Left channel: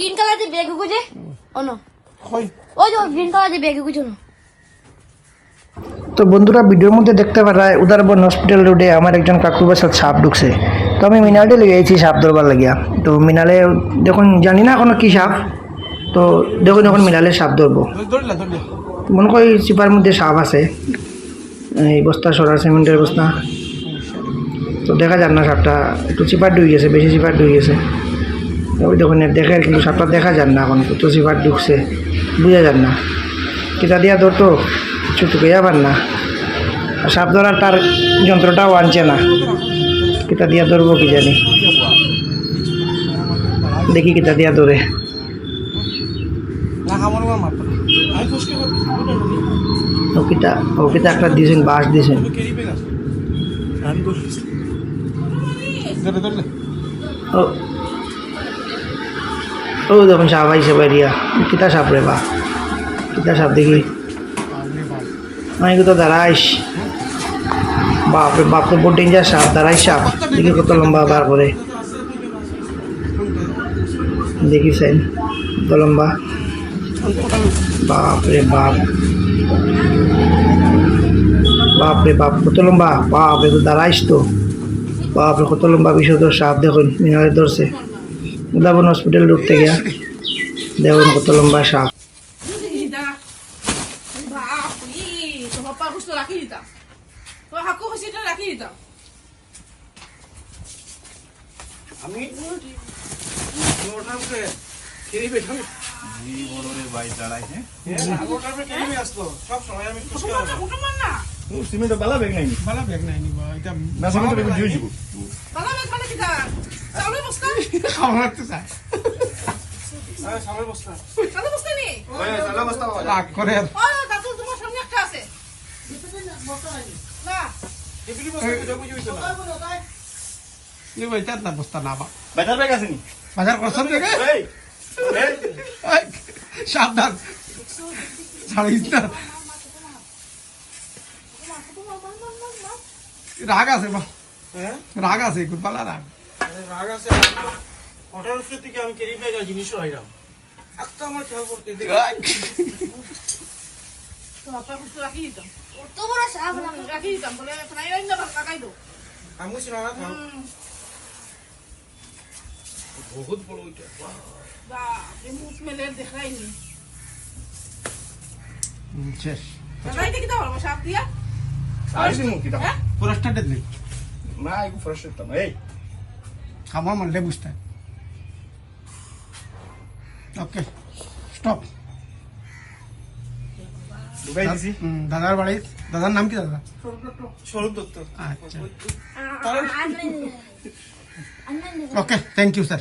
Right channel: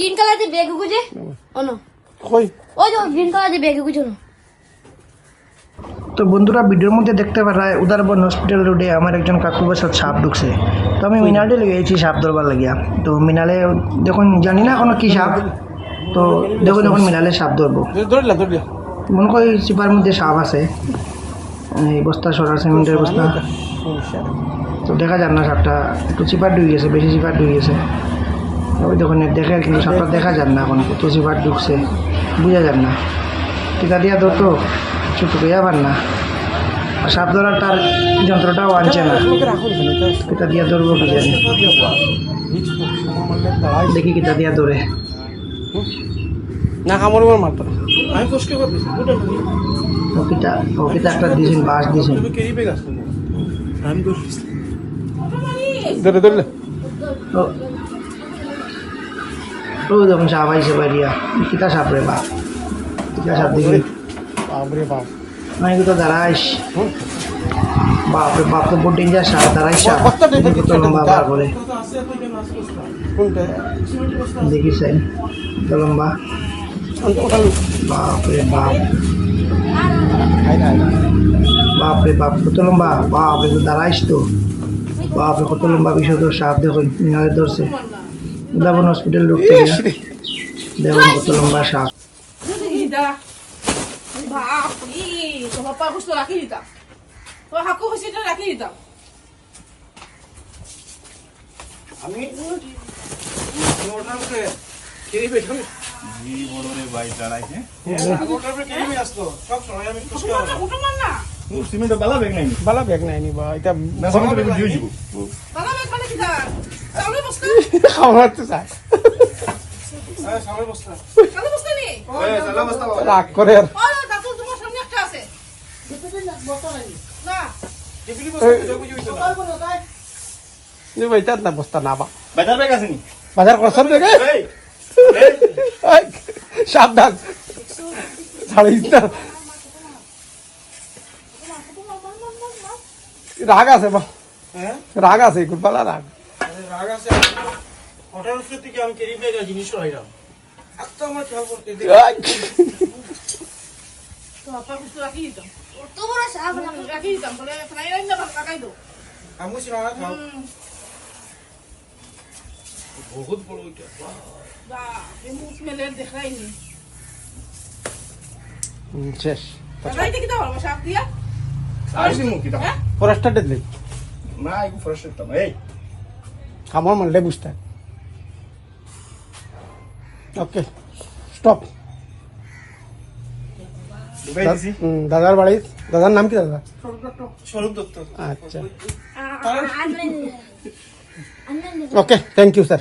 Green colour যে বেগ গুজে? অনো। কই? ওই যে গ্রিন কালার যে বেগ গুজে না তো বন্ধুরা ভিডিওর মধ্যে দেখতে পারায় উদারবন হসপিটাল রোডে আমার একজন কাকুর বাসার সাপ ঢুকছে। তো আমি মিনালে লেগে গেছি সাপ ধরবার লাগিয়া। তো মিনালে যখন জানি না এখনও কি সাপ তো দেখুন যখন মিনালে সাপ ধরবো। মনে করি চিপার মধ্যে সাপ আছে। এই বস্তা সরার সিমেন্টের বস্তা। তো দেখা যান না সাপটা একটু চিপার ডুবে গেছে বেশি চিপার ডুবে গেছে। ওই দেখুন দেখে আর কিন্তু সাপটা দেখা যান না এখন কত চিপার ঢুকছে বুঝা যান না। কিতা দিয়া ধরতো ছোটকে যাবার না। আর সাপ ধরার তার যন্ত্রটাও আনছে না। কিতা দিয়া ধরবো কি জানি। দেখি কিতা দিয়া ধরে। ও কিতা ও কিতা একটা দিয়েছেন বাস দিয়েছেন আমি তো ও দেখুন সাপ আইসে বাইরিয়া কিতা সাপ রে বা? কিতা সাপ দেখি আরে তো দাঁড়াইস। বাপরে বাপ তো বহুত ডেঞ্জার সাপ, দাঁড়াইস সাপ। দেখি কত লম্বা বার করে। দেখিছেন কত লম্বা। বাপরে বাপ। বাপরে বাপ, কত লম্বা। বাপ বাপরে তো দাঁড়াইস তো। বাপরে কত লম্বা বিষয় সাপ দেখুন, মিনারে ধরছে। উদাবন হসপিটাল ঢুকতে গিয়া দেখুন কত লম্বা সাপ। আমি? সিমেন্ট বালা বেগ নাই বালা ব্যাগ নাই নিবা এটা মেঘ মানে চাউলের বস্তা একটা আছে। না। বস্তা তো না। এই বইটার না বস্তা না বা। বাজার বেগ আছে বাজার করছেন দেখে এই এই। সাবধান। রাগ আছে বা। হ্যাঁ? রাগ আছে কুলপালা রাগ। রাগ আছে উপরে থেকে আমি কেরি জিনিস এত আমার খেয়াল করতে তো খাও বহুত বড় ওইটা। মুখ মেলে দেখাইনি শেষ। কিটা হ্যাঁ? ফরেস্টার দিলি। না আইগু ফ্রেশ হতাম এই। খাবার মানলে বুঝতে। ওকে স্টপ দাদার বাড়ি দাদার নাম কি দাদা? স্বরূপ দত্ত। আচ্ছা। Okay thank you sir